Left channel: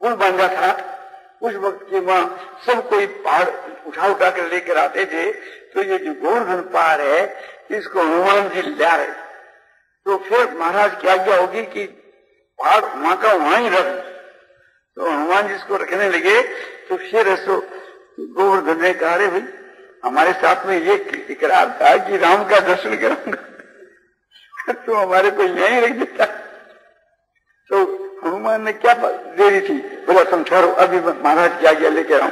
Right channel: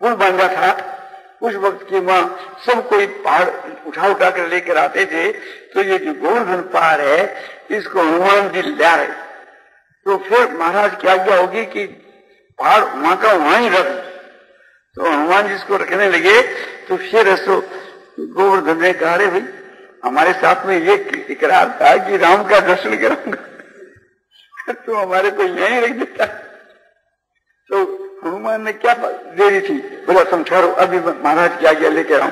पुल बांधा था। उस वक्त के वहां सब कोई पहाड़ उठा कर लेकर आते थे। तो ये जो गोवर्धन पहाड़ है इसको हनुमान जी ला रहे। तो फिर महाराज की आज्ञा होगी कि पहाड़ वहां का वहां ही रख। तो हनुमान जी इसको रखने लगे। तो फिर ऐसो गोवर्धन ने कहा, भाई हमारे साथ में ये इकरार था कि राम का दर्शन करूंगा, तो हमारे को यहीं रख देता। तो हनुमान ने क्या देरी थी, बोला तुम ठहरो, अभी महाराज की आज्ञा लेकर आऊं।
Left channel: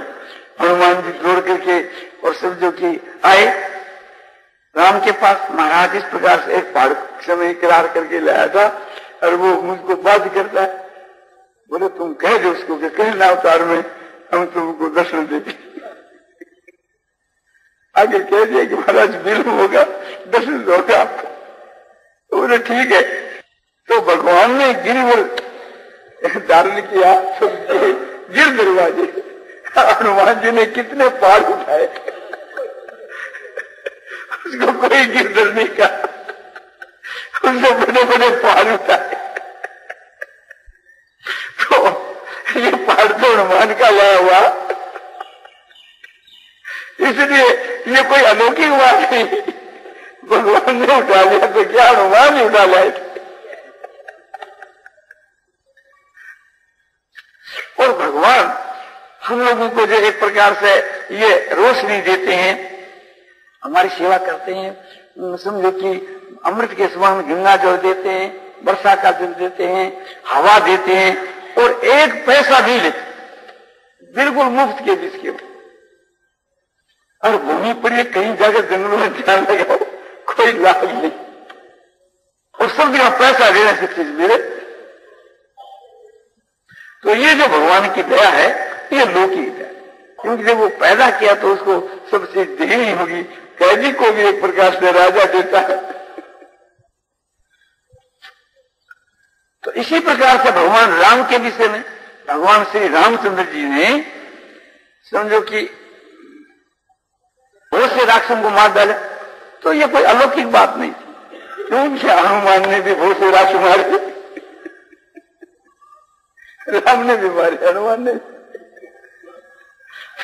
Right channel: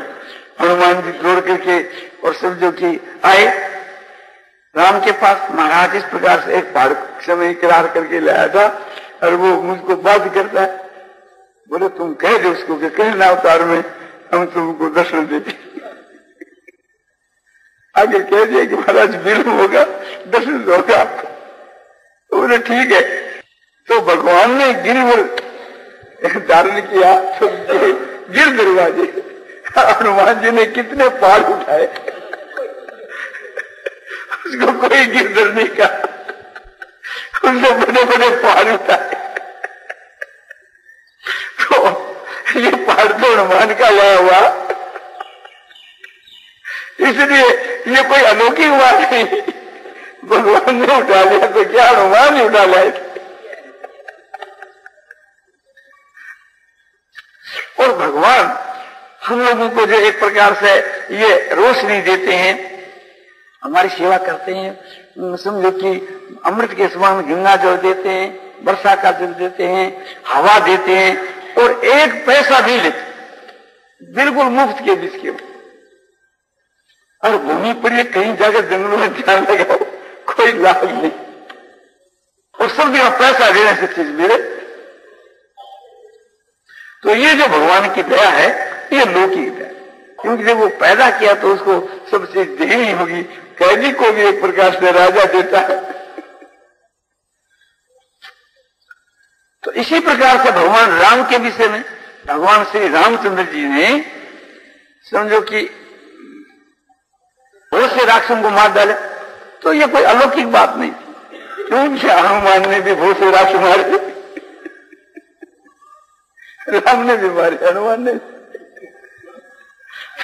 हनुमान जी जोड़ करके और समझो कि आए राम के पास। महाराज इस प्रकार से एक पहाड़ समय इकरार करके लाया था और वो मुझको बात करता है। बोले तुम कह दो उसको कि कहीं ना अवतार में हम तुमको दर्शन देते। आगे कह दिया कि महाराज विलंब होगा, दर्शन होगा आपको। तो बोले ठीक है। तो भगवान ने गिरवर धारण किया, तो गिर दरवाजे हनुमान जी ने कितने पार उठाए, उसको कोई गिरधर नहीं कहा, उसको बड़े बड़े पहाड़ उठाए। तो ये पहाड़ तो हनुमान का लाया हुआ, इसलिए ये कोई अलौकिक बात नहीं। भगवान ने उठा लिया तो क्या हनुमान ने उठा लिया। और भगवान हम लोगों को जो एक प्रकार से ये रोशनी देते हैं, हमारी सेवा करते हैं, समझो कि अमृत के समान गंगा जल देते हैं, वर्षा का जल देते हैं, हवा देते हैं और एक पैसा भी लेते, बिल्कुल मुफ्त के बीच के। और भूमि पर ये कहीं जाकर जंगलों में ध्यान लगाओ, कोई लाभ नहीं, और सब जगह पैसा देने से चीज मिले। तो ये जो भगवान की दया है ये लौकिक है, क्योंकि जब वो पैदा किया तो उसको सबसे देनी होगी। कैदी को भी एक प्रकार से राजा देता है। तो इसी प्रकार से भगवान राम के विषय में भगवान श्री रामचंद्र जी ने समझो कि बहुत से राक्षसों को मार डाले। तो ये कोई अलौकिक बात नहीं थी, क्योंकि हनुमान ने भी बहुत से राक्षस मारे, राम ने भी मारे, हनुमान ने।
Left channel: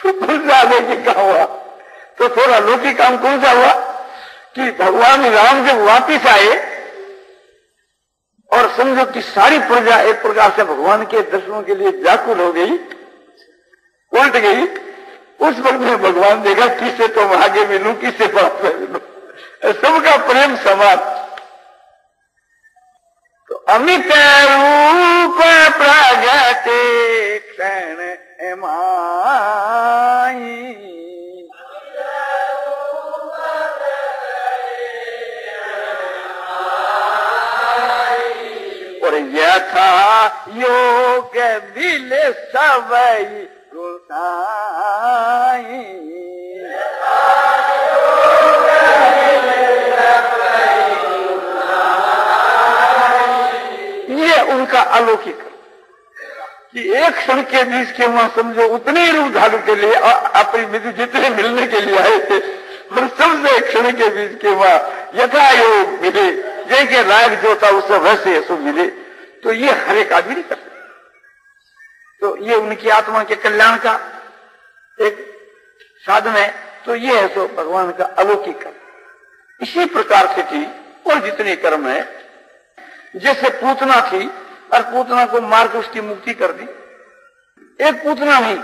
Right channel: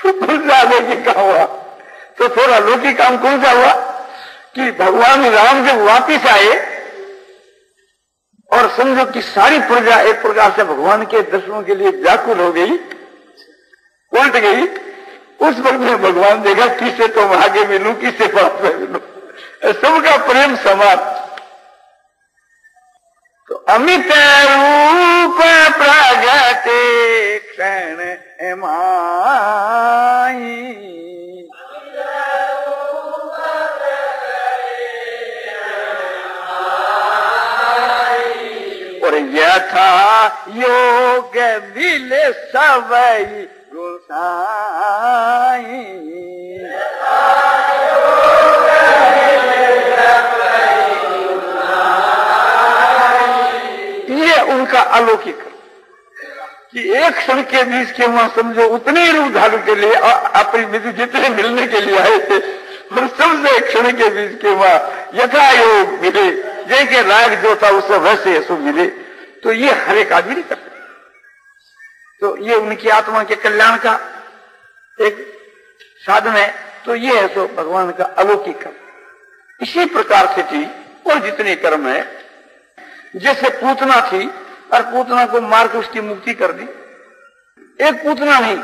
कौन सा अलौकिक काम हुआ? तो थोड़ा अलौकिक काम कौन सा हुआ कि भगवान राम जब वापिस आए और समझो कि सारी प्रजा एक प्रकार से भगवान के दर्शनों के लिए व्याकुल हो गई, उलट गई। उस वक्त में भगवान देखा किससे तो आगे मिलूं, किससे पास में मिलूं, सबका प्रेम समान। तो अमित रूप प्रगटे क्षण माही, और यथा योग मिले सबई गोसाई। ये उनका अलौकिक कि एक क्षण के बीच के वहां समझो उतने रूप धारण के लिए अपनी मृत्यु जितने मिलने के लिए आए थे, हम सबसे एक क्षण के बीच के वहां यथा योग मिले, जैसे राग जो था उससे वैसे सब मिले। तो ये हर एक आदमी नहीं कर सकता। तो ये उनकी आत्मा के कल्याण का एक साधन है। तो ये है सो भगवान का अलौकिक कर्म। इसी प्रकार से थी और जितने कर्म है, जैसे पूतना थी और पूतना को मार के उसकी मुक्ति कर दी। एक पूतना नहीं,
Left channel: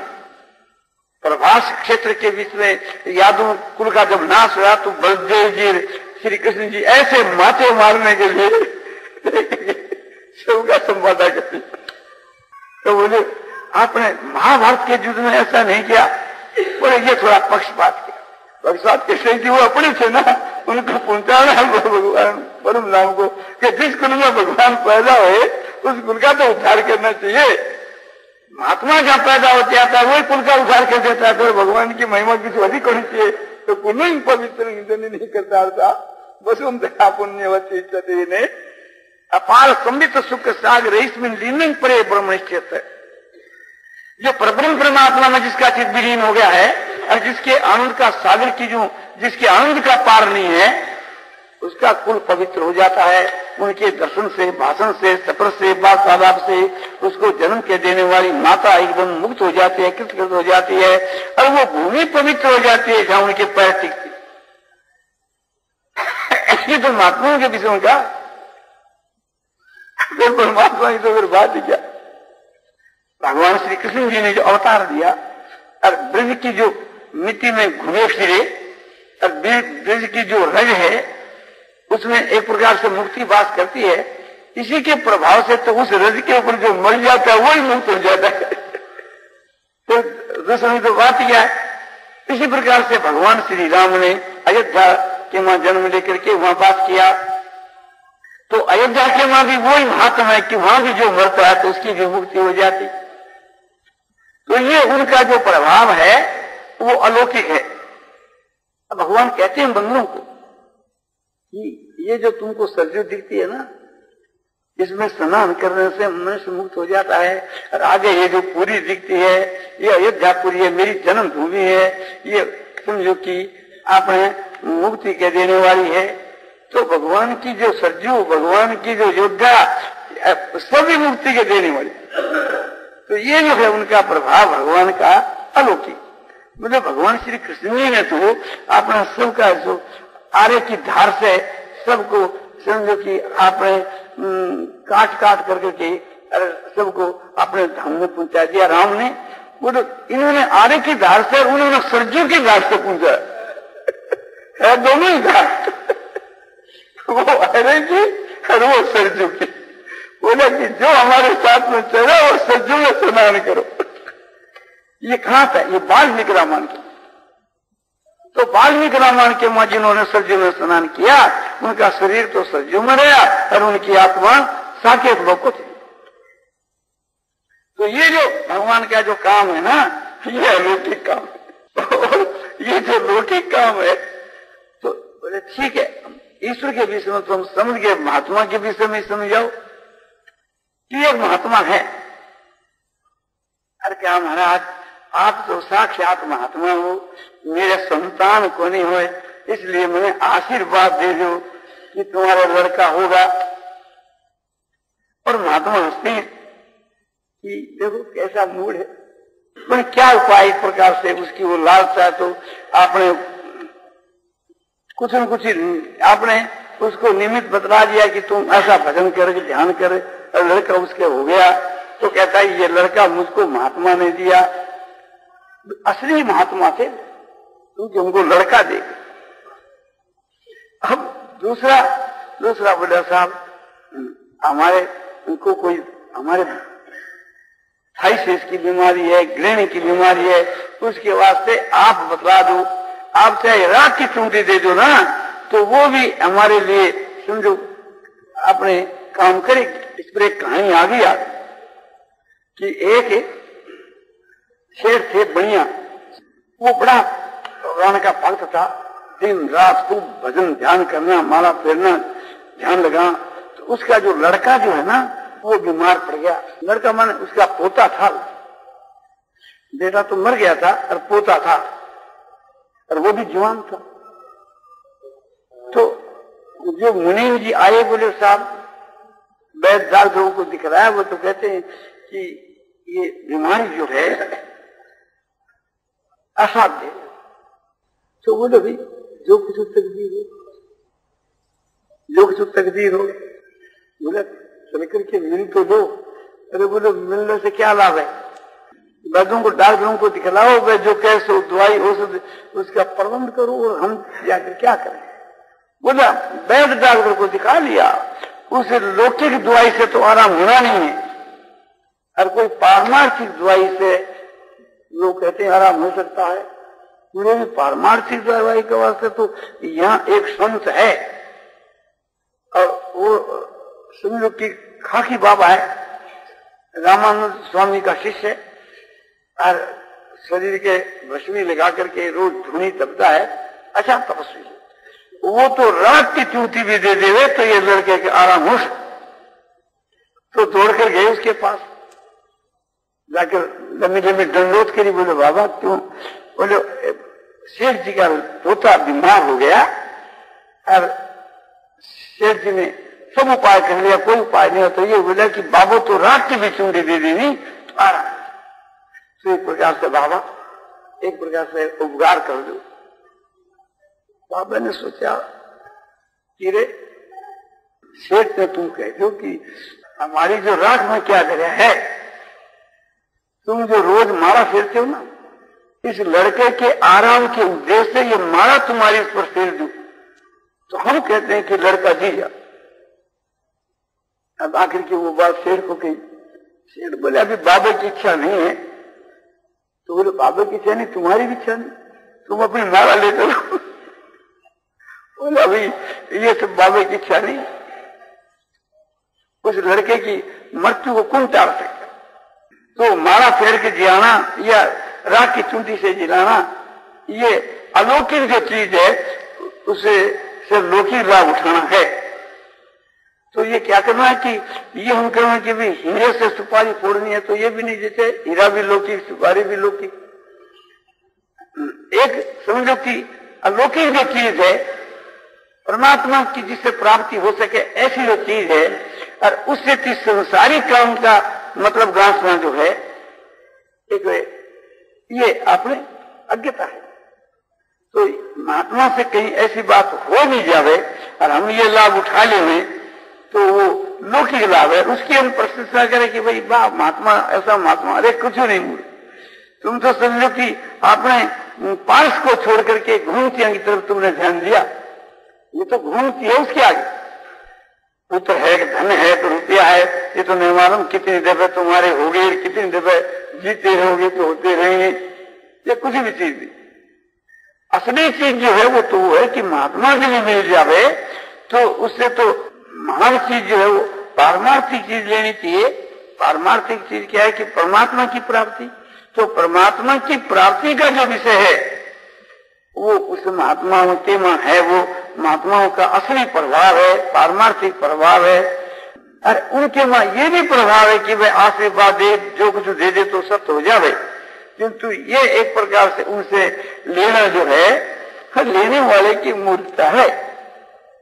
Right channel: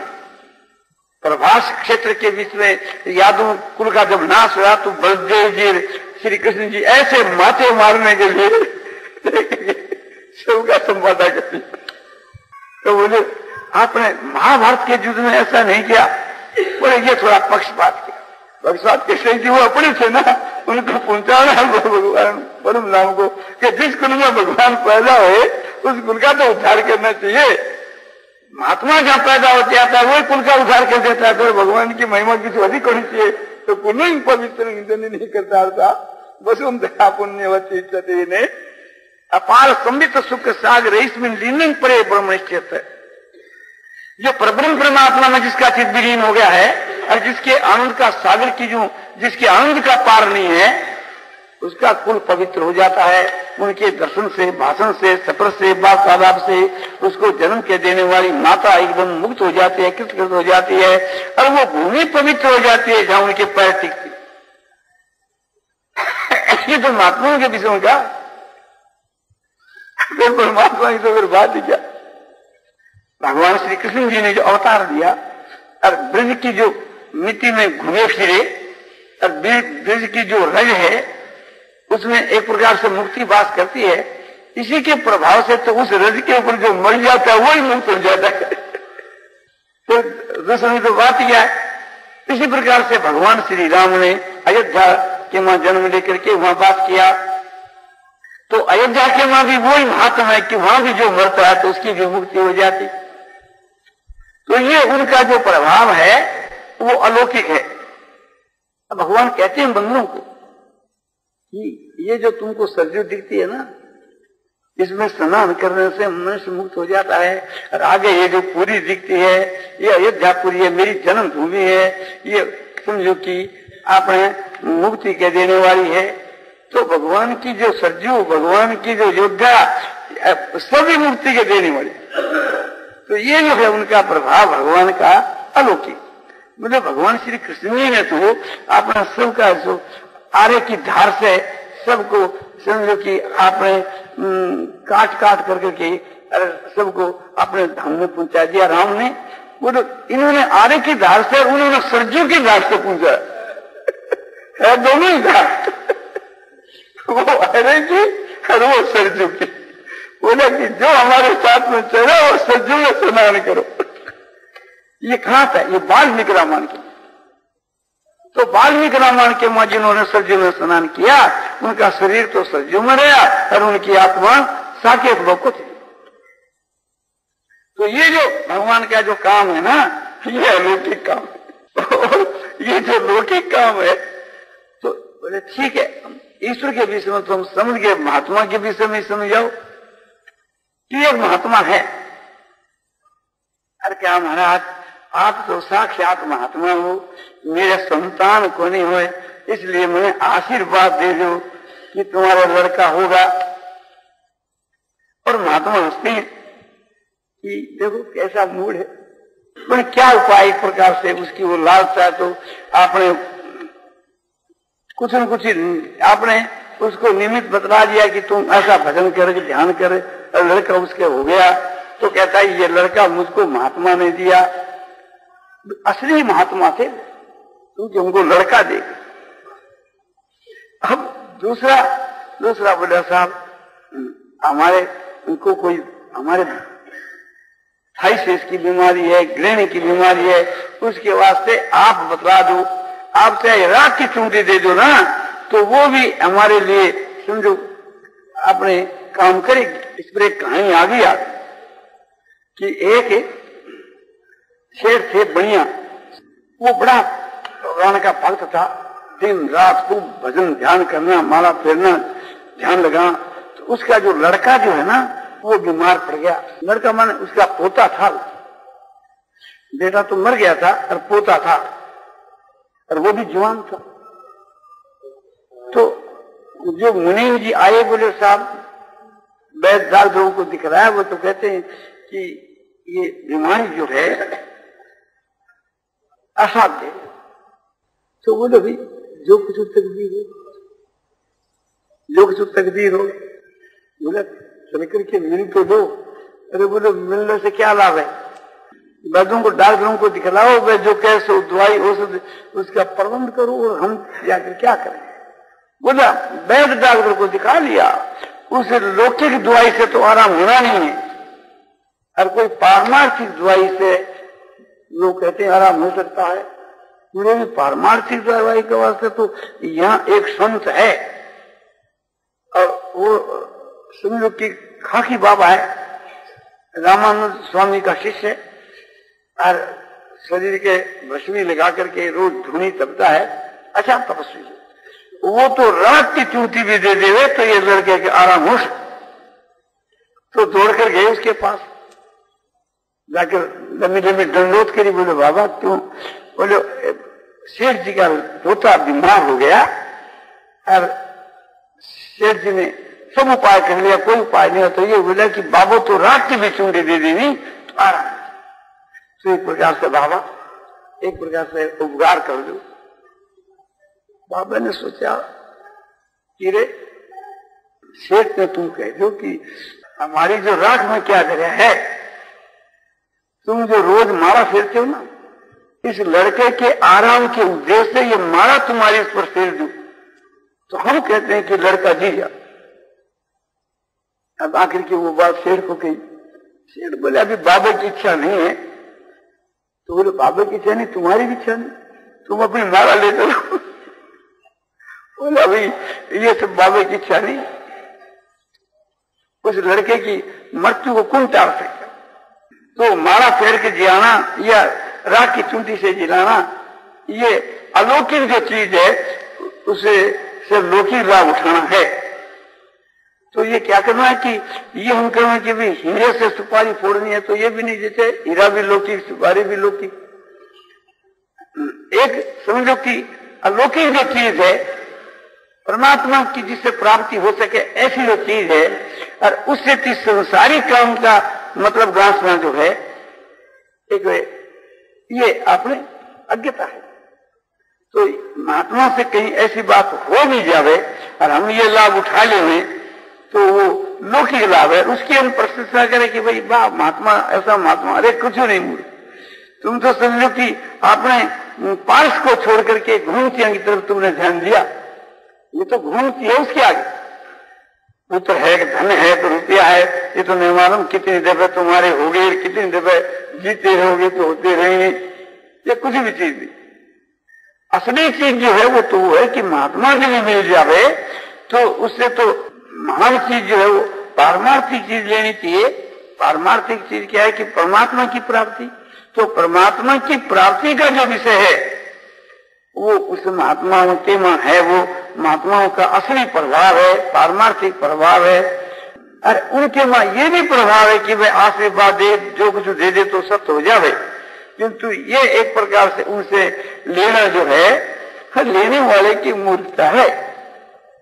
प्रभास क्षेत्र के बीच में यादव कुल का जब नाश हुआ तो बलदेव जी, श्री कृष्ण जी ऐसे माथे मारने के लिए सबका संवादा करती। तो बोले आपने महाभारत के युद्ध में ऐसा नहीं किया। बोले ये थोड़ा पक्षपात किया। पक्षपात कैसे कि वो अपने थे ना, उनको पहुंचाना भगवान परम नाम को कि जिस कुल में भगवान पैदा हो उस कुल का तो उद्धार करना चाहिए। महात्मा जहाँ पैदा होते आता है वो कुल का उद्धार कर देता है। तो भगवान की महिमा की तो अधिक होनी चाहिए। तो पुण्य पवित्र नहीं करता था। बस उन पुण्य ने अपार संबित सुख सागर इसमें लीनिंग परे ब्रह्म निश्चित है। जो परब्रह्म परमात्मा में जिसका चित्त विलीन हो गया है और जिसके आनंद का सागर की जो जिसके आनंद का पार नहीं है, उसका कुल पवित्र हो जाता है। उनके दर्शन से, भाषण से, सफर से, वार्तालाप से उसको जन्म के देने वाली माता एकदम मुक्त हो जाती है, कृतकृत हो जाती है, और वो भूमि पवित्र हो जाती है जहाँ उनके पैर टिकते। असली तो महात्माओं के विषय का परमात्मा की तो फिर बात ही क्या। भगवान श्री कृष्ण जी ने जो अवतार दिया और ब्रज की जो मिट्टी में घूमे फिरे और ब्रज की जो रज है उसमें एक प्रकार से मुक्ति वास करती है, इसी के प्रभाव से तो उस रज के ऊपर जो मर जाता है वही मुक्त हो जाता है। तो दूसरी तो बात यह है। इसी प्रकार से भगवान श्री राम ने अयोध्या के वहां जन्म लेकर के वहां बात किया, तो अयोध्या के वहां भी वही महात्मा है कि वहां भी जो मरता है तो उसकी भी मुक्ति हो जाती। तो ये उनका जो प्रभाव है वो अलौकिक है। भगवान कहते हैं बंदरों को कि ये जो तुमको सरजू दिखती है ना, इसमें स्नान करने से मनुष्य मुक्त हो जाता है। और आगे ये जो पूरी दिखती है ये अयोध्यापुरी है, मेरी जन्म भूमि है, ये समझो कि आपने मुक्ति के देने वाली है। तो भगवान की जो सरजू, भगवान की जो योद्धा, सभी मुक्ति के देने वाली। तो ये जो है उनका प्रभाव भगवान का अलौकिक। मतलब भगवान श्री कृष्ण ने तो अपना सबका जो आर्य की धार से सबको समझो कि आपने काट काट करके सबको अपने धाम में पहुंचा दिया। राम ने बोले इन्होंने आर्य की धार से, उन्होंने सरजू की धार से पहुंचा, और दोनों ही धार, वो आर्य की और वो सरजू की। बोला कि जो हमारे साथ में चले वो सरजू में स्नान करो। ये कहाँ था? ये वाल्मीकि रामायण के। तो वाल्मीकि रामायण के मां जिन्होंने सरजू में स्नान किया उनका शरीर तो सरजू में रहा और उनकी आत्मा साकेत लोक को थी। तो ये जो भगवान का जो काम है ना, ये अलौकिक काम। और ये जो लौकिक काम है तो बोले ठीक है, ईश्वर के विषय में तो हम समझ गए, महात्मा के विषय में समझाओ कि एक महात्मा है। अरे क्या महाराज, आप तो साक्षात महात्मा हो, मेरा संतान को नहीं हुए, इसलिए मैंने आशीर्वाद दे दो कि तुम्हारा लड़का होगा। और महात्मा हंसते हैं कि देखो कैसा मूड है। मैंने क्या उपाय, एक प्रकार से उसकी वो लालसा, तो आपने कुछ न कुछ आपने उसको निमित्त बतला दिया कि तुम ऐसा भजन करे, ध्यान करे, और लड़का उसके हो गया। तो कहता है ये लड़का मुझको महात्मा ने दिया, असली महात्मा थे क्योंकि उनको लड़का दे। अब दूसरा बोला साहब हमारे उनको कोई हमारे थाइसिस की बीमारी है, ग्रहण की बीमारी है, उसके वास्ते आप बतला दो, आप चाहे रात की चूंटी दे दो ना, तो वो भी हमारे लिए समझो अपने काम करेगी। इस पर एक कहानी आ गई आप कि एक शेर थे बढ़िया, वो बड़ा भगवान का भक्त था, दिन रात खूब भजन ध्यान करना, माला फेरना, ध्यान लगाना। तो उसका जो लड़का जो है ना वो बीमार पड़ गया। लड़का माने उसका पोता था, बेटा तो मर गया था और पोता था, और वो भी जवान था। तो जो मुनि जी आए, बोले साहब वैद्य डॉक्टरों को दिखलाया, वो तो कहते हैं कि ये बीमारी जो है असाध्य है। तो बोले भाई जो कुछ तकदीर हो, जो कुछ तकदीर हो, बोला चल करके मिल तो दो। अरे बोलो मिलने से क्या लाभ है, वैद्यों को डॉक्टरों को दिखलाओ, वे जो कैसे दवाई औषध उसका प्रबंध करो, और हम जाकर क्या करें। बोला वैद्य डॉक्टर को दिखा लिया, उस लौकिक दवाई से तो आराम होना नहीं है, और कोई पारमार्थिक दवाई से लोग कहते हैं आराम हो सकता है। पूरे पारमार्थिक दवाई के वास्ते तो यहाँ एक संत है, और वो सिंधु की खाकी बाबा है, रामानंद स्वामी का शिष्य, और शरीर के भस्मी लगा करके रोज धुनी तपता है, अच्छा तपस्वी है। वो तो रात की चूटी भी दे देवे तो ये लड़के के आराम हो सकता। तो दौड़ कर गए उसके पास, जाकर लंबी लंबी दंडोत करी। बोले बाबा क्यों? बोले सेठ जी का पोता बीमार हो गया और सेठ जी ने सब उपाय कर लिया, कोई उपाय नहीं होता। ये बोला कि बाबू तो रात की भी चुंडी दे देनी तो आराम। तो एक प्रकार से बाबा एक प्रकार से उपकार कर दो। बाबा ने सोचा कि रे सेठ ने तुम कह दो कि हमारी जो राख में क्या जगह है, तुम जो रोज मारा फिरते हो ना, इस लड़के के आराम के उद्देश्य से ये मारा तुम्हारे इस पर फेर दो, तो हम कहते हैं कि लड़का जी जा। अब आखिर की वो बात सेठ को कही। सेठ बोले अभी बाबे की इच्छा नहीं है। तो बोले बाबे की इच्छा नहीं, तुम्हारी भी इच्छा नहीं, तुम अपनी मारा लेते रहो। बोले अभी ये सब बाबे की इच्छा नहीं। उस लड़के की मृत्यु को कौन टाल सकता? तो मारा फेर के जिलाना या राख की चुंटी से जिलाना, ये अलौकिक जो चीज है उसे से लौकिक लाभ उठाना है। तो ये क्या करना है कि ये हम कहें कि भी हीरे से सुपारी फोड़नी है, तो ये भी नहीं देते। हीरा भी लौकिक, सुपारी भी लौकिक। एक समझो कि अलौकिक जो चीज है परमात्मा की जिससे प्राप्ति हो सके, ऐसी जो चीज है, और उससे की संसारी काम का मतलब वासना जो है, एक ये अपने अज्ञता है। तो महात्मा से कहीं ऐसी बात हो नहीं जावे और हम ये लाभ उठा लेंगे तो वो लौकिक लाभ है, उसकी हम प्रशंसा करें कि भाई वाह महात्मा ऐसा महात्मा। अरे कुछ नहीं, तुम तो समझो कि आपने पार्श को छोड़ करके घूमतियों की तरफ तुमने ध्यान दिया। ये तो घूमती है, उसके आगे पुत्र है, धन है, तो रुपया है, ये तो नहीं मालूम कितनी दफे तुम्हारे हो गए, कितनी दफे जीते रहोगे तो होते रहेंगे। ये कुछ भी चीज नहीं। असली चीज जो है वो तो है कि महात्मा जी में मिल जावे तो उससे तो महान चीज जो है वो पारमार्थिक चीज लेनी चाहिए। पारमार्थिक चीज क्या है कि परमात्मा की प्राप्ति। तो परमात्मा की प्राप्ति का जो विषय है वो उस महात्माओं के में है, वो महात्माओं का असली प्रभाव है, पारमार्थिक प्रभाव है। और उनके में ये भी प्रभाव है कि वे आशीर्वाद दे, जो कुछ दे दे तो सत्य हो जाए। किंतु ये एक प्रकार से उनसे लेना जो है लेने वाले की मूर्खता है,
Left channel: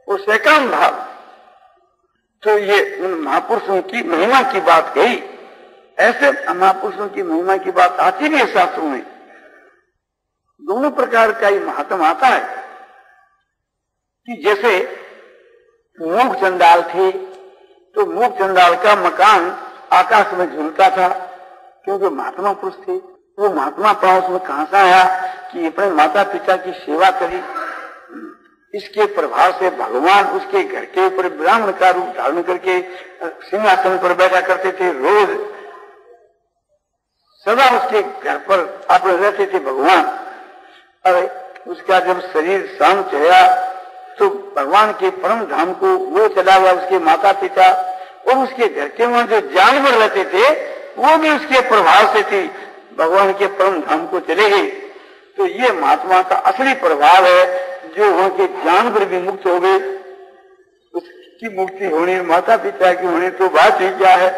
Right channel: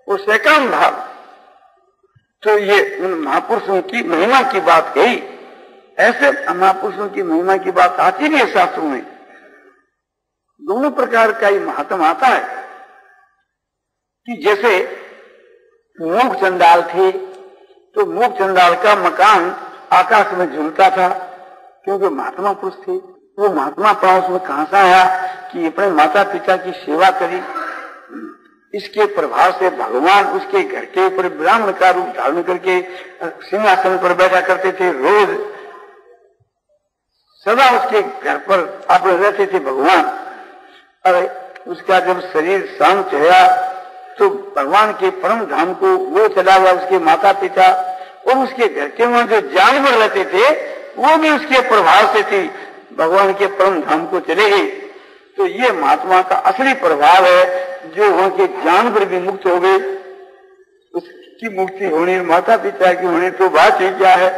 वो सैकाम भाव। तो ये उन महापुरुषों की महिमा की बात कही। ऐसे महापुरुषों की महिमा की बात आती नहीं है शास्त्रों में। दोनों प्रकार का ही महात्म आता है कि जैसे मूक चंडाल थे तो मूक चंडाल का मकान आकाश में झूलता था, क्योंकि महात्मा पुरुष थे। वो महात्मा पुरुष में कहां से आया कि अपने माता पिता की सेवा करी। इसके प्रभाव से भगवान उसके घर के ऊपर ब्राह्मण का रूप धारण करके सिंहासन पर बैठा करते थे। रोज सदा उसके घर पर आप रहते थे भगवान। और उसका जब शरीर शांत हुआ तो भगवान के परम धाम को वो चला गया, उसके माता पिता और उसके घर के वहां जो जानवर रहते थे वो भी उसके प्रभाव से थी भगवान के परम धाम को चले गए। तो ये महात्मा का असली प्रभाव है। जो वहां के जानवर भी मुक्त हो गए, उसकी मुक्ति होने, माता पिता की होने तो बात ही क्या है।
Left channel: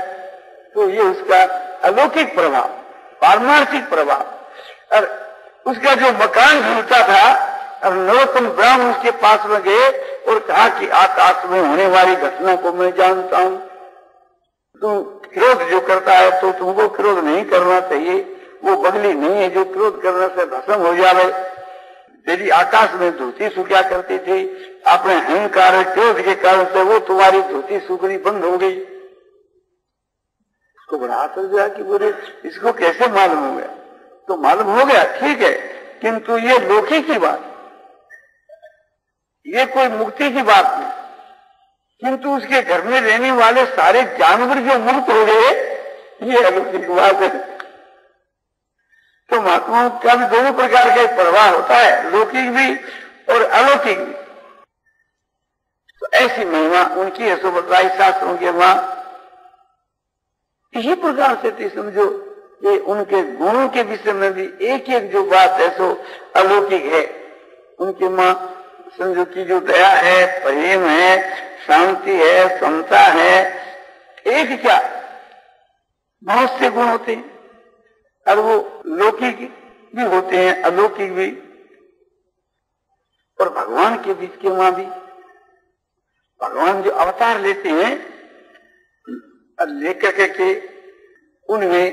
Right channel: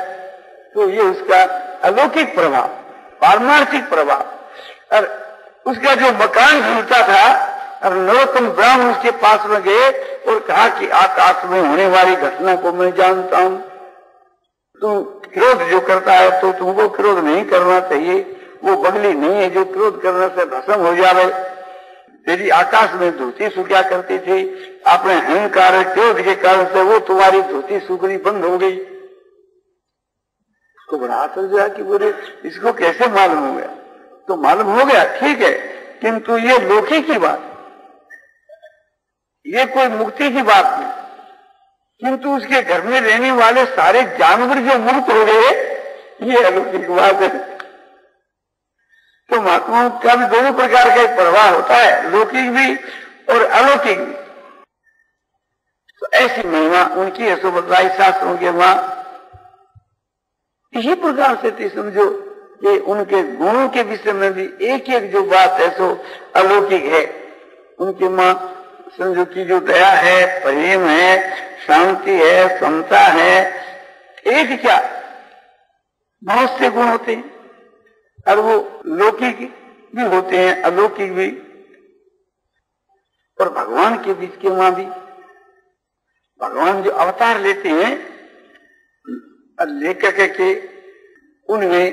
तो ये उसका अलौकिक प्रभाव, पारमार्थिक प्रभाव। और उसका जो मकान झूलता था और नरोत्तम ब्राह्मण उसके पास में गए और कहा कि आकाश में होने वाली घटना को मैं जानता हूँ, तुम क्रोध जो करता है तो तुमको क्रोध नहीं करना चाहिए। वो बगली नहीं है जो क्रोध करने से भस्म हो जावे। तेरी आकाश में धोती सूखा करती थी, अपने अहंकार क्रोध के कारण से वो तुम्हारी धोती सूखनी बंद हो गई। उसको बड़ा आश्चर्य हुआ कि बोले इसको कैसे मालूम हो गया। तो मालूम हो गया, ठीक है, किंतु ये लौकिक की बात, ये कोई मुक्ति की बात नहीं। किंतु उसके घर में रहने वाले सारे जानवर जो मुक्त हो गए, ये अलौकिक बात है। तो महात्माओं का भी दोनों प्रकार का प्रभाव होता है, लौकिक भी और अलौकिक भी। तो ऐसी महिमा उनकी ऐसो बतलाई शास्त्रों के वहां। इसी प्रकार से समझो कि उनके गुणों के विषय में भी एक एक जो बात है सो अलौकिक है। उनके मां समझो की जो दया है, प्रेम है, शांति है, समता है, एक क्या बहुत से गुण होते हैं। और वो लौकिक भी होते हैं, अलौकिक भी। और भगवान के बीच के वहां भी भगवान जो अवतार लेते हैं लेकर के उनमें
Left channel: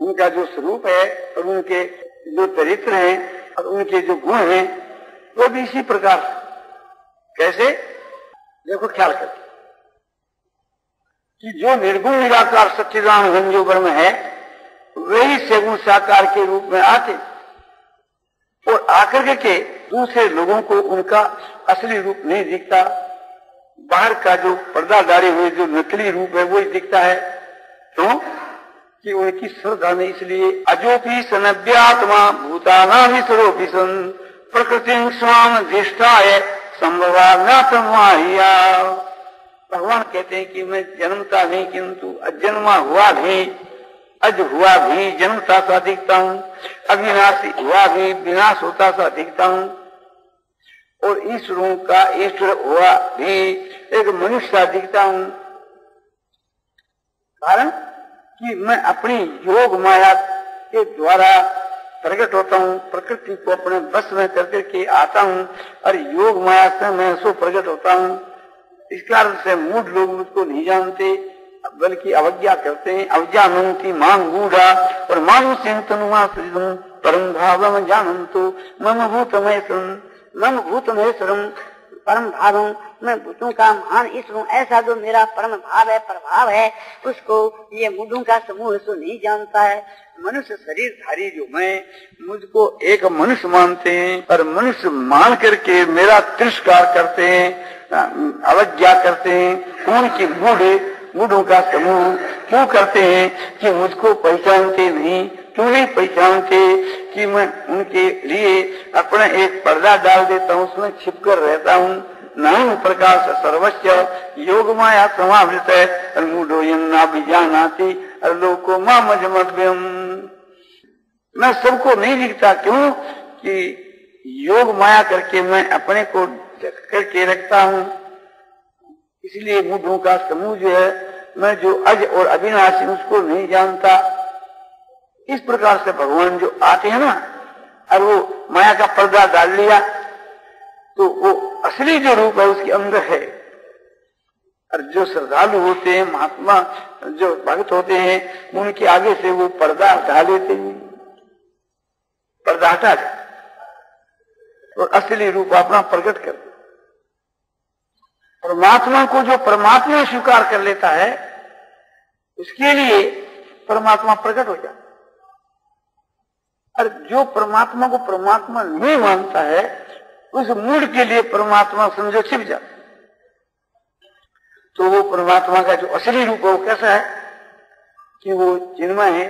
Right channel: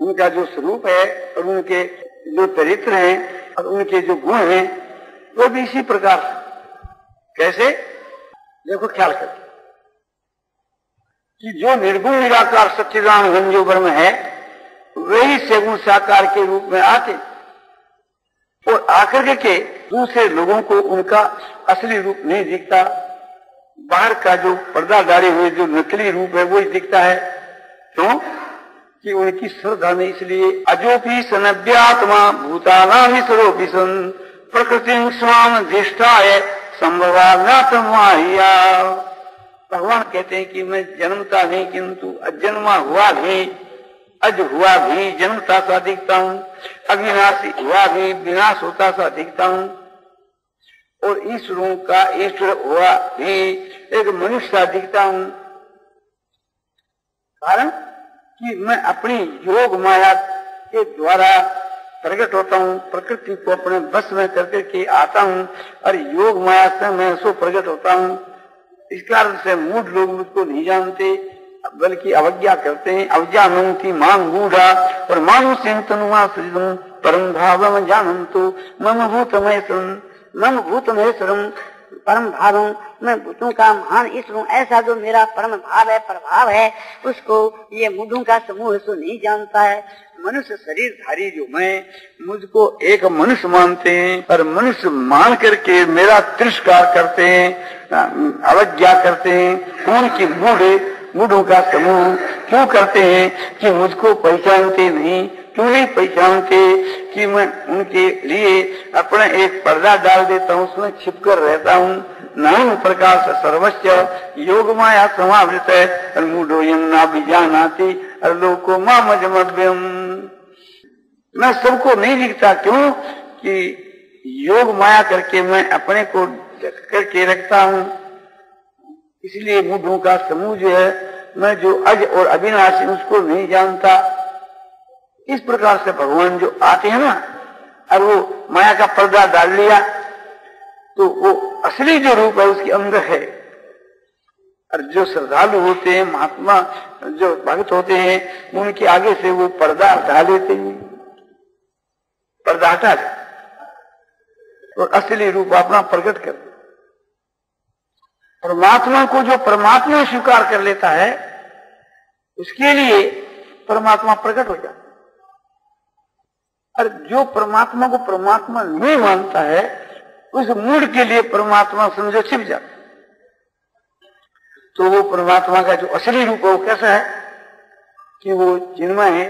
उनका जो स्वरूप है और उनके जो चरित्र हैं और उनके जो गुण हैं वो भी इसी प्रकार कैसे देखो ख्याल करके कि जो निर्गुण निराकार सच्चिदानंद जो ब्रह्म है वही सगुण साकार के रूप में आते और आकर के दूसरे लोगों को उनका असली रूप नहीं दिखता, बाहर का जो पर्दा डाले हुए जो नकली रूप है वो दिखता है। क्यों कि उनकी श्रद्धा में इसलिए अजोपी सनव्यात्मा भूतानां स्वरूपी सन प्रकृति स्वाम ज्येष्ठाय संभवाना प्रमाहिया। भगवान कहते हैं कि मैं जन्मता नहीं किंतु अजन्मा हुआ भी, अज हुआ भी जन्मता सा दिखता हूँ, अविनाशी हुआ भी विनाश होता सा दिखता हूँ और ईश्वरों का ईश्वर हुआ भी एक मनुष्य सा दिखता हूँ। कारण कि मैं अपनी योग माया के द्वारा प्रकट होता हूँ, प्रकृति को अपने बस में करके के आता हूँ और योग माया से मैं उसको प्रकट होता हूँ। इस कारण से मूढ़ लोग मुझको नहीं जानते बल्कि अवज्ञा करते हैं। अवज्ञानंति मां मूढ़ा और मानु चिंतनुमा परम भाव जानन्तु मम भूतमहेश्वरम परम भावम, मैं भूतों का महान ईश्वर हूँ, ऐसा जो मेरा परम भाव है प्रभाव है उसको ये मूढ़ों का समूह इसको नहीं जानता है। मनुष्य शरीरधारी जो मैं मुझको एक मनुष्य मानते हैं और मनुष्य मान करके मेरा तिरस्कार करते हैं, अवज्ञा करते हैं। कौन की मूढ़ों का समूह क्यों करते हैं कि मुझको पहचानते नहीं, क्यों नहीं पहचानते कि मैं उनके लिए अपना एक पर्दा डाल देता हूँ, उसमें छिपकर रहता हूँ। नाम प्रकाश सर्वस्व योग माया समावृत है मूढ़ो यन्ना बीजानाति और लोको मामजमद्यम। मैं सबको नहीं दिखता क्यों कि योग माया करके मैं अपने को करके रखता हूँ। इसलिए मूढ़ों का समूह जो है मैं जो अज और अविनाशी उसको नहीं जानता। इस प्रकार से भगवान जो आते हैं ना और वो माया का पर्दा डाल लिया तो वो असली जो रूप है उसके अंदर है। और जो श्रद्धालु होते हैं महात्मा जो भक्त होते हैं उनके आगे से वो पर्दा हटा लेते हैं, पर्दा हटा जाए और असली रूप अपना प्रकट कर। परमात्मा को जो परमात्मा स्वीकार कर लेता है उसके लिए परमात्मा प्रकट हो जाता। और जो परमात्मा को परमात्मा नहीं मानता है उस मूढ़ के लिए परमात्मा समझो छिप जाता। तो वो परमात्मा का जो असली रूप है वो कैसा है कि वो चिन्मय है,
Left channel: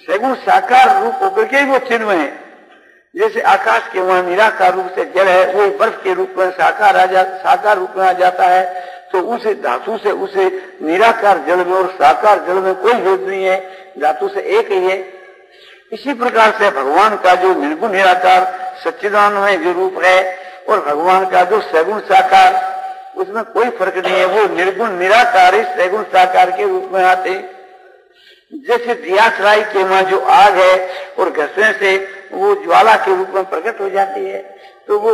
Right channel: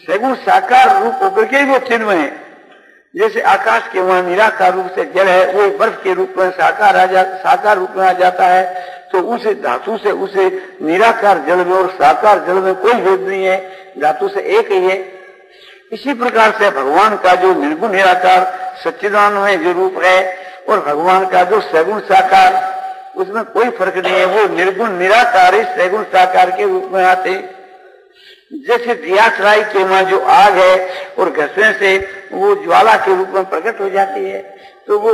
सगुण साकार रूप होकर के वो चिन्मय है। जैसे आकाश के वहां निराकार रूप से जल है वो बर्फ के रूप में साकार रूप में आ जाता है, तो उस धातु से उसे निराकार जल में और साकार जल में कोई भेद नहीं है, धातु से एक ही है। इसी प्रकार से भगवान का जो निर्गुण निराकार सच्चिदानंद जो रूप है और भगवान का जो सगुण साकार उसमें कोई फर्क नहीं है। वो निर्गुण निराकार सगुण साकार के रूप में आते। जैसे दियासराय के वहां जो आग है और घसने से वो ज्वाला के रूप में प्रकट हो जाती है, तो वो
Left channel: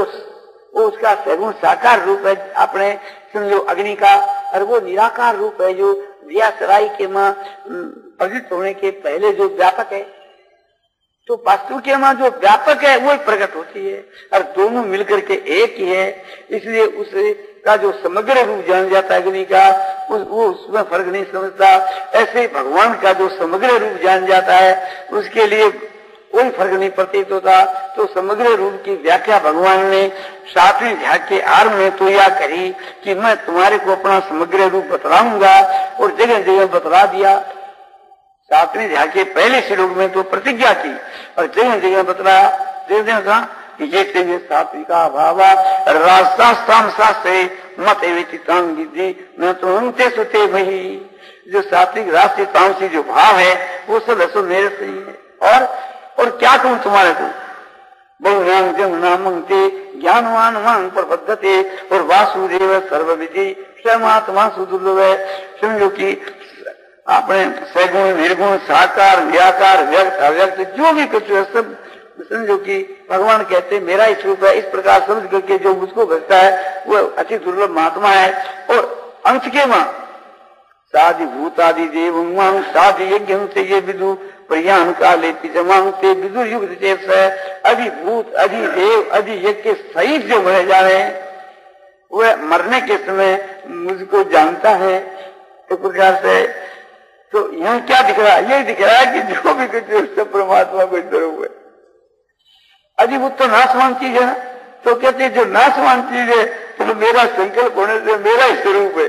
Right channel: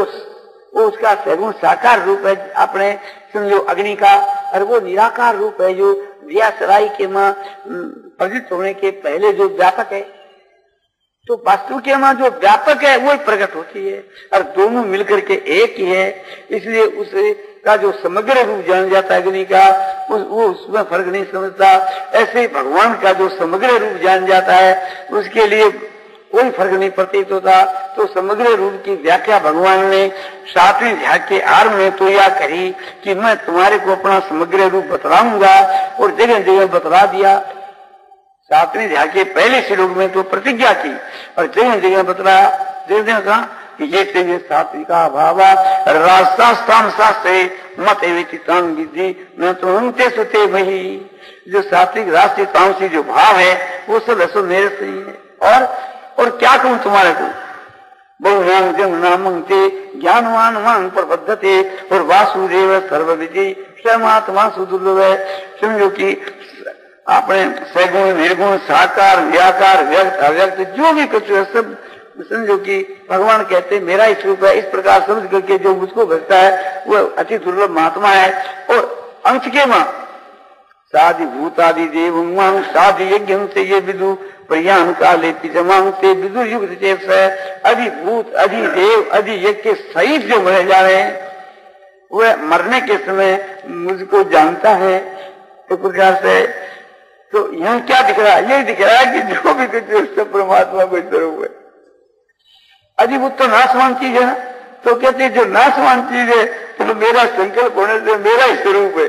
उसका सगुण साकार रूप है अपने समझो अग्नि का, और वो निराकार रूप है जो दियासराय के वहां प्रकट होने के पहले जो व्यापक है। तो वास्तु के वहां जो व्यापक है वो प्रकट होती है और दोनों मिलकर के एक ही है। इसलिए उसे का जो समग्र रूप जान जाता है अग्नि का वो उसमें फर्क नहीं समझता। ऐसे भगवान का जो समग्र रूप जान जाता है उसके लिए कोई फर्क नहीं प्रतीत होता। तो समग्र रूप की व्याख्या भगवान ने 7वें अध्याय के आरंभ में तो यह करी कि मैं तुम्हारे को अपना समग्र रूप बतलाऊंगा और जगह जगह बतला दिया। 7वें अध्याय के पहले श्लोक में तो प्रतिज्ञा की और जगह जगह बतलाया। जगह कहा कि ये सात्विका भावा रास्तान शास्त्रे मत एवं विधि मैं तो उनते सुते वही। जो सात्विक राष्ट्रीय तामसी जो भाव है वो सब असल मेरे से ही है। और क्या कहूँ तुम्हारे को बहुनाम जन नामंते ज्ञानवान मान प्रबद्धते और वासुदेव सर्वविधि परमात्मा सुदुर्लभ है। समझो कि आपने सगुण निर्गुण साकार व्याकार व्यक्त अव्यक्त जो भी कुछ है सब समझो कि भगवान कहते हैं मेरा ही स्वरूप है, इस प्रकार समझ करके जो मुझको भजता है वो अति दुर्लभ महात्मा है। और अंश के मां साधि भूतादि देव साधि यज्ञ से ये विदु प्रयाण काले पिजमांग से विदु युग से अधिभूत अधिदेव अधि यज्ञ के सहित जो बने जा रहे हैं वह मरने के समय मुझको जानता है। इस प्रकार से तो यहाँ क्या दिख रहा है? यही दिख रहा है कि जो भी कुछ उससे परमात्मा को स्वरूप है। अधिभूत तो नाशवान चीज है, तो कहते जो नाशवान चीज है तो मेरा संकल्प होने से मेरा ही स्वरूप है।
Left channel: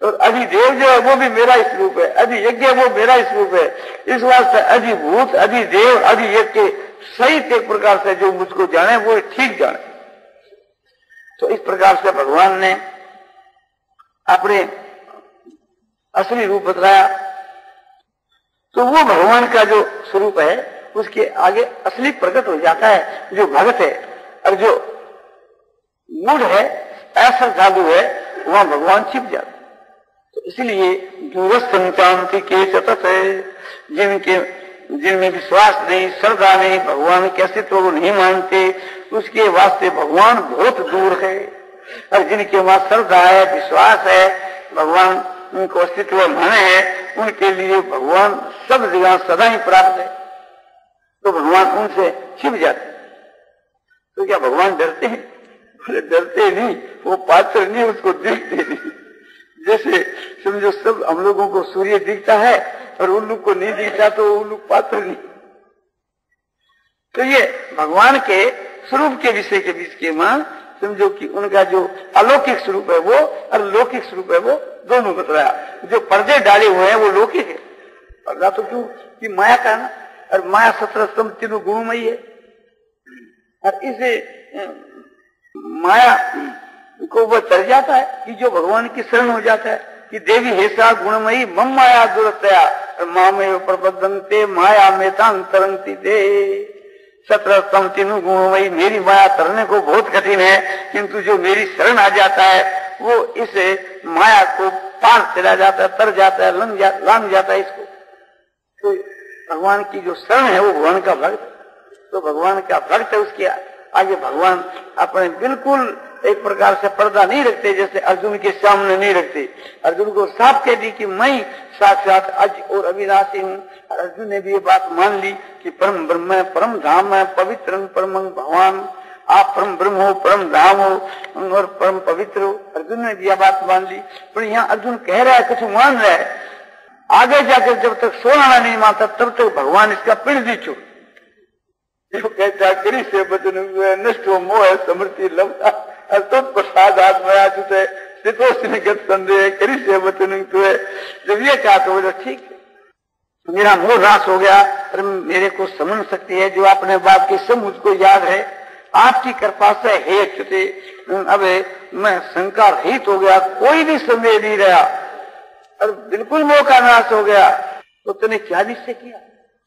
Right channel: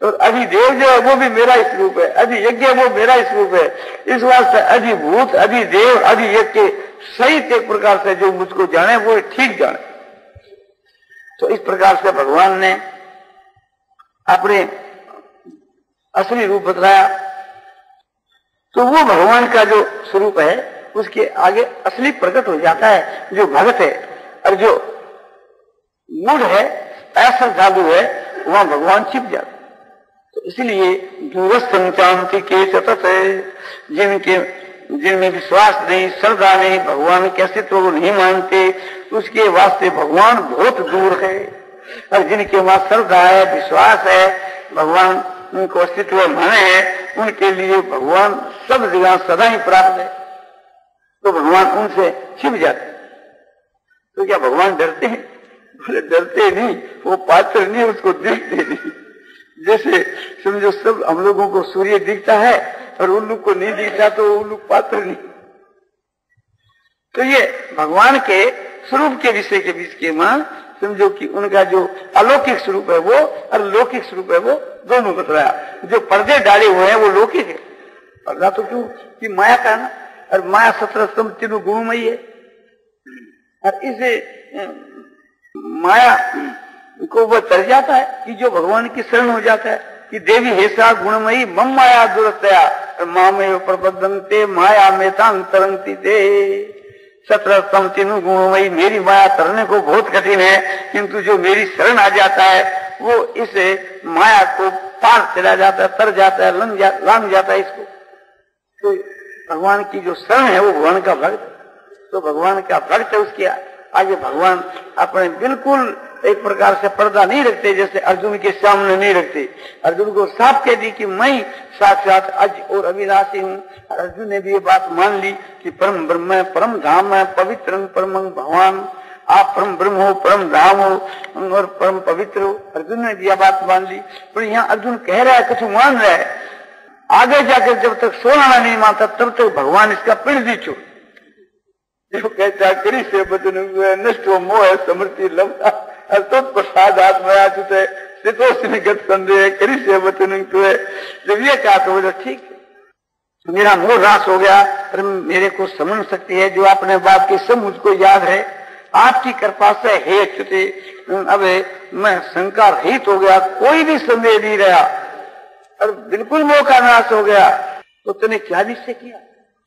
और अधिदेव जो है वो भी मेरा ही स्वरूप है, अधियज्ञ वो मेरा ही स्वरूप है। इस वास्ते अधिभूत अधिदेव अधियज्ञ सही एक प्रकार से जो मुझको जाने वो ठीक जाने। तो इस प्रकार से भगवान ने अपने असली रूप बतलाया। तो वो भगवान का जो स्वरूप है उसके आगे असली प्रकट हो जाता है जो भगत है। और जो मूढ़ है ऐसा जादू है वहां भगवान छिप जाता है। तो इसलिए दूरस्थांति के सतत जिनमें विश्वास नहीं श्रद्धा नहीं भगवान के अस्तित्व को नहीं मानते उसके वास्ते भगवान बहुत दूर है। और जिनके वहां श्रद्धा है विश्वास है भगवान उनको अस्तित्व माने है उनके लिए भगवान सब जगह सदा ही प्राप्त है। तो भगवान उनसे छिप जाते। तो क्या भगवान डरते हैं? बोले डरते नहीं, वो पात्र नहीं उसको देखते नहीं। जैसे समझो सब हम लोगों को सूर्य दिखता है और उन लोग को नहीं दिखता तो उन लोग पात्र नहीं। तो ये भगवान के स्वरूप के विषय के बीच के मां समझो कि उनका जो अलौकिक स्वरूप है वो और लौकिक स्वरूप है वो दोनों बतलाया। जो पर्दे डाले हुए हैं वो लौकिक है। पर्दा तो क्यों कि माया का ना, और माया 17 तीनों गुणमयी है। और इसे माया को वो तर जाता है कि जो भगवान की शरण हो जाता है कि देवी हेसा गुणमयी मम माया दुरतया मामे प्रबद्धंते माया में तरंगती दे 17 तीनों गुणमयी मेरी माया तरने को बहुत कठिन है, किंतु जो मेरी शरण आ जाता है वो इस माया को पार चला जाता है, तर जाता है, लांग जाता है इसको। तो भगवान की जो शरण है वो भगवान का भक्त, तो भगवान का भक्त है उसके आगे भगवान अपने बिल्कुल एक प्रकार से पर्दा नहीं रखते, जैसे अर्जुन के सामने नहीं रखते। अर्जुन को साफ कह दी कि मैं साक्षात अज और अविनाशी हूँ। अर्जुन ने भी ये बात मान ली कि परम ब्रह्म है, परम धाम है, पवित्र परम भगवान, आप परम ब्रह्म हो, परम धाम हो और परम पवित्र हो। अर्जुन ने भी यह बात मान ली। पर यहाँ अर्जुन कह रहा है, कुछ मान रहा है, आगे जाकर जब तक सोना नहीं मानता तब तक भगवान इसका पिंड दी चुप। जो कहता है करी से बचन नष्ट हो मोह समृद्धि लंबा तो प्रसाद आत्मया चुते गत संदेह करी से बचन है। जब ये कहा तो बोले ठीक है मेरा मोह रास हो गया, पर मेरे को समझ सकती है जो आपने बात की सब मुझको याद है। आपकी कृपा से हे चुते अब मैं शंका रहित हो गया, कोई भी संदेह नहीं रहा और बिल्कुल मोह का नाश हो गया। तो तूने क्या निश्चय किया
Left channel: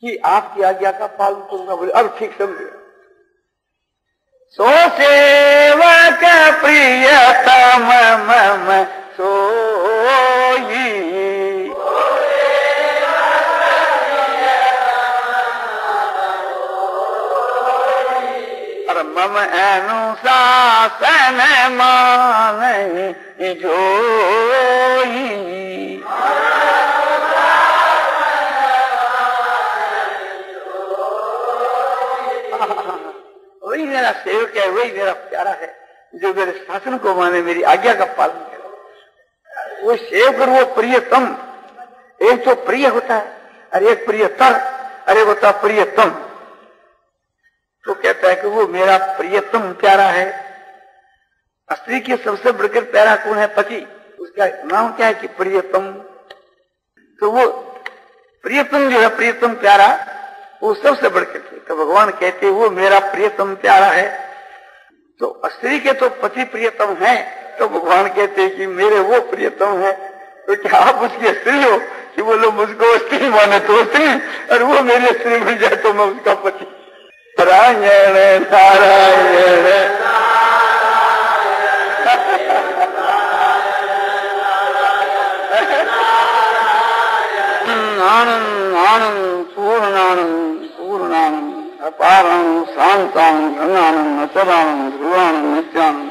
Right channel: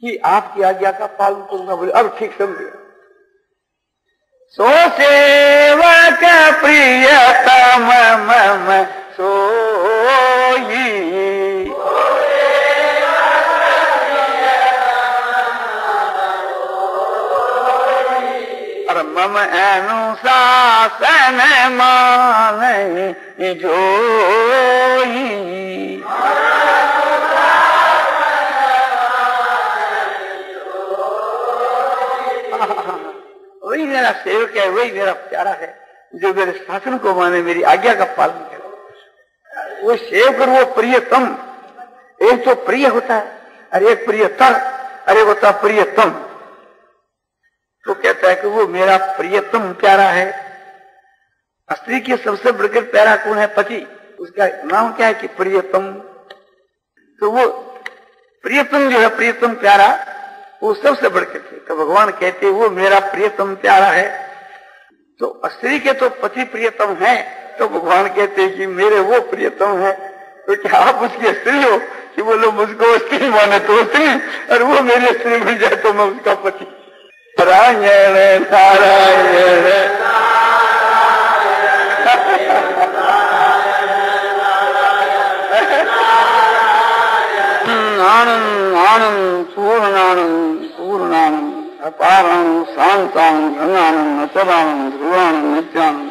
कि आपकी आज्ञा का पालन करूंगा? बोले अब ठीक समझ। सो सेवक प्रिय तम मम सोई और मम अनुशासन मान जोई। वही मेरा सेवक है, वही मेरा प्यारा है जो मेरे शासन को माने, मेरी आज्ञा का पालन करे। वो सेवक और वो प्रियतम, एक तो प्रिय होता है और एक प्रियतर, अरे होता प्रियतम। तो कहता है कि वो मेरा प्रियतम प्यारा है। स्त्री के सबसे बढ़कर प्यारा कौन है? पति। उसका नाम क्या है कि प्रियतम। तो वो प्रियतम जो है, प्रियतम प्यारा, वो सबसे बढ़कर के। तो भगवान कहते वो मेरा प्रियतम प्यारा है। तो स्त्री के तो पति प्रियतम है, तो भगवान कहते कि मेरे वो प्रियतम है। तो क्या आप उसकी स्त्री हो कि बोलो मुझको स्त्री माने तो स्त्री, और वो मेरी स्त्री बन जाए तो मैं उसका पति। नारायण नारायण आनंद आनंद पूर्णानंद पूर्णानंद अपाराणु शांतानु गंगानु अचलानु ध्रुवाणु नित्यानु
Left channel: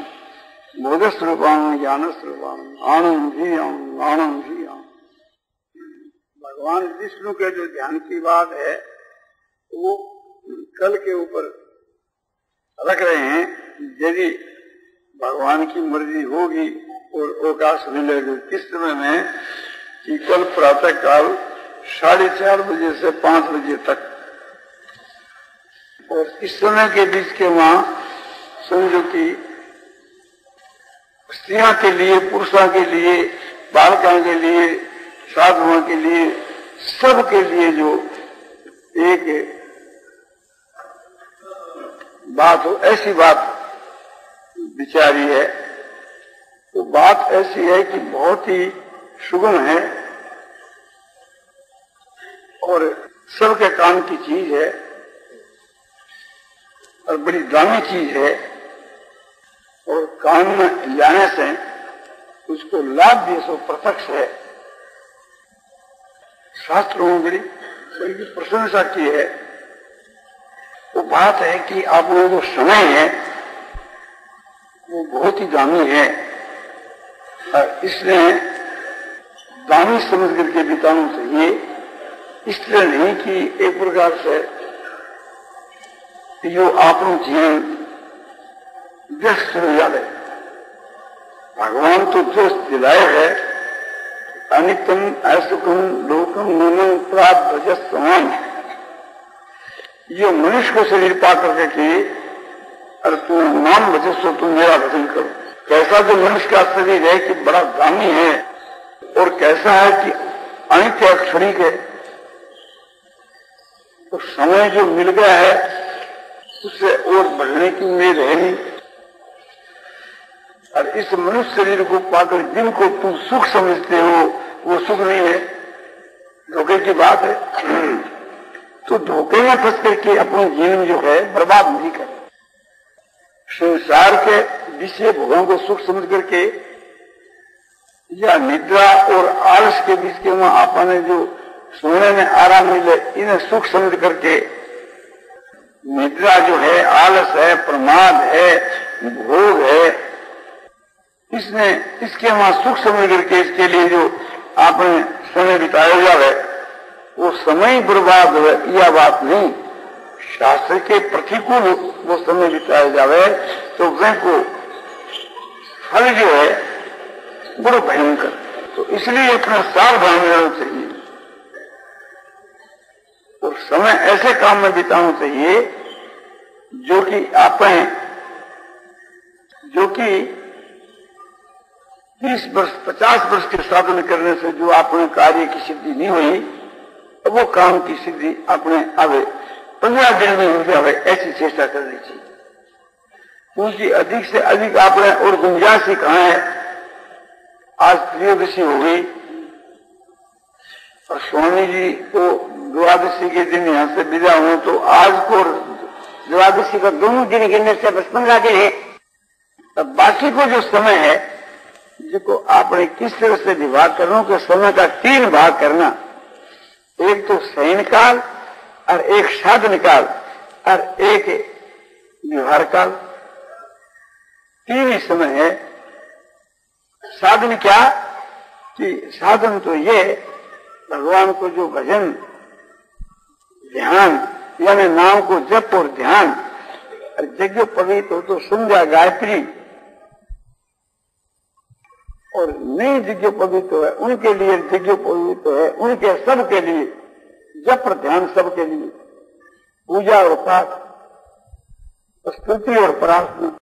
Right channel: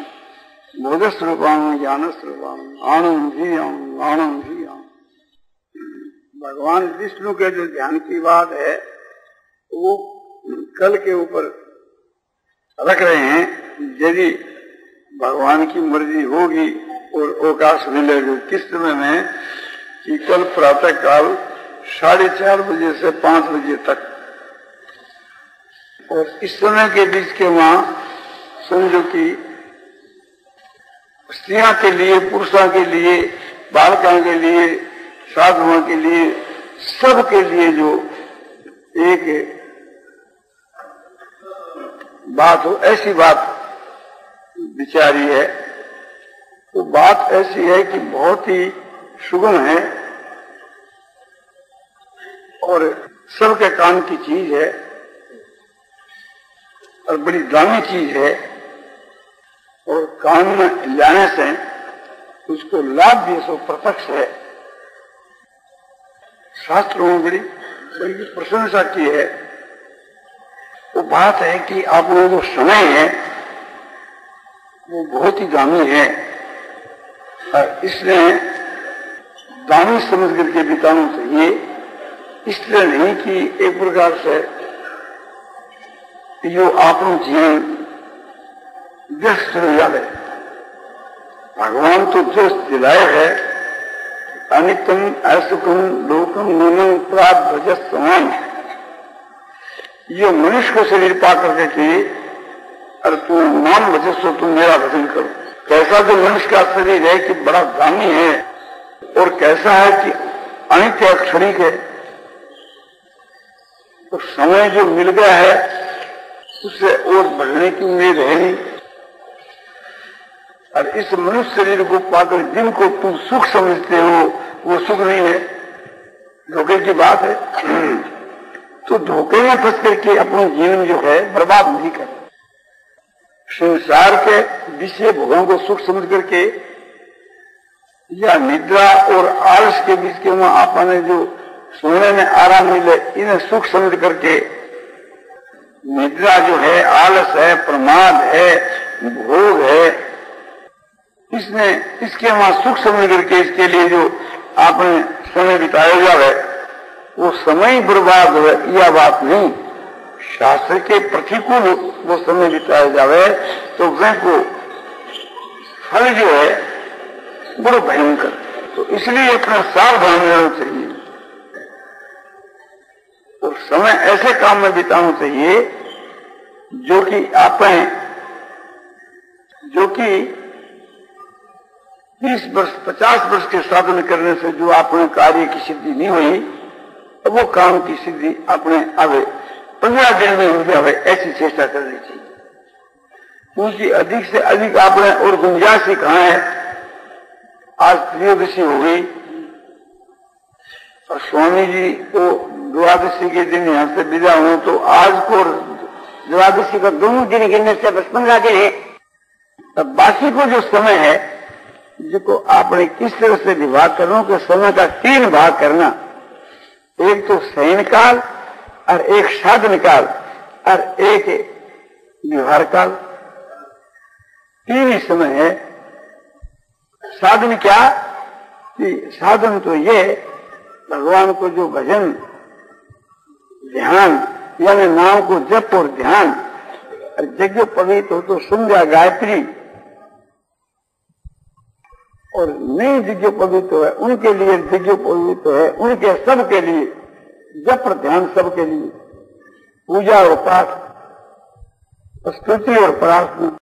बोधस्वरूपाणु ज्ञानस्वरूपाणु आनंद धियाम। भगवान विष्णु के जो ध्यान की बात है वो कल के ऊपर रख रहे हैं। यदि भगवान की मर्जी होगी और अवकाश मिलेगा किस समय में कि कल प्रातः काल 4:30 बजे से 5 बजे तक, और इस समय के बीच के वहां समझो कि स्त्रियों के लिए, पुरुषों के लिए, बालकों के लिए, साधुओं के लिए, सबके लिए जो एक बात हो, ऐसी बात विचारी है। तो बात ऐसी है कि बहुत ही सुगम है और सबके काम की चीज है और बड़ी दामी चीज है, और काम में लाने से उसको लाभ भी सो प्रत्यक्ष है। शास्त्रों में बड़ी प्रशंसा की है। वो बात है कि आप लोगों जो समय है वो बहुत ही दामी है, और इसलिए दामी समझ करके बिताना चाहिए। इसलिए नहीं कि एक प्रकार से जो आपनो जीवन व्यस्त हो जाए। भगवान तो जो दिलाए है अनित्यम असुखम लोकम नीलम प्राप्त भजस्वान, ये मनुष्य को शरीर पा करके कि अरे तुम नाम भजस्व, तुम मेरा भजन करो। कैसा जो मनुष्य का शरीर है कि बड़ा दामी है, और कैसा है कि अनित्य क्षणिक है। तो समय जो मिल गया है उससे और बढ़ने की उम्मीद है नहीं। और इस मनुष्य शरीर को पाकर जिनको तुम सुख समझते हो वो सुख नहीं है, धोखे की बात है। तो धोखे में फंस करके अपना जीवन जो है बर्बाद नहीं करे। संसार के विषय भोगों को सुख समझ करके या निद्रा और आलस के बीच के वहां आपने जो सोने में आराम मिले इन्हें सुख समझ करके, निद्रा जो है, आलस है, प्रमाद है, भोग है, इसमें इसके वहां सुख समझ करके इसके लिए जो आपने समय बिताया जाए वो समय बर्बाद है, यह बात नहीं। शास्त्र के प्रतिकूल वो समय बिताया जाए तो वह को फल जो है बड़ो भयंकर। तो इसलिए अपना सावधान रहना चाहिए और समय ऐसे काम में बिताना चाहिए जो कि जो कि 30 वर्ष 50 वर्ष के साधन करने से जो आपने कार्य की सिद्धि नहीं हुई, तो वो काम की सिद्धि अपने आवे 15 दिन में हो जाए, ऐसी चेष्टा करनी चाहिए। क्योंकि अधिक से अधिक आपने और गुंजाइश ही कहा है। आज त्रयोदशी हो गई और स्वामी जी को द्वादशी के दिन यहाँ से विदा हुए, तो आज को द्वादशी का दोनों दिन गिनने से 15 दिन है। और बाकी को जो समय है जिसको आपने किस तरह से विभाग करना, तो समय का 3 भाग करना। एक तो शयन काल और एक साधन काल और एक व्यवहार काल, 3 ही समय है। साधन क्या कि साधन तो ये भगवान को जो भजन ध्यान यानी नाम को जप और ध्यान, और यज्ञ पवित्र हो तो संध्या गायत्री, और नहीं यज्ञ पवित्र है उनके लिए यज्ञ पवित्र है, उनके सबके लिए जप ध्यान, सबके लिए पूजा और पाठ, स्तुति और प्रार्थना।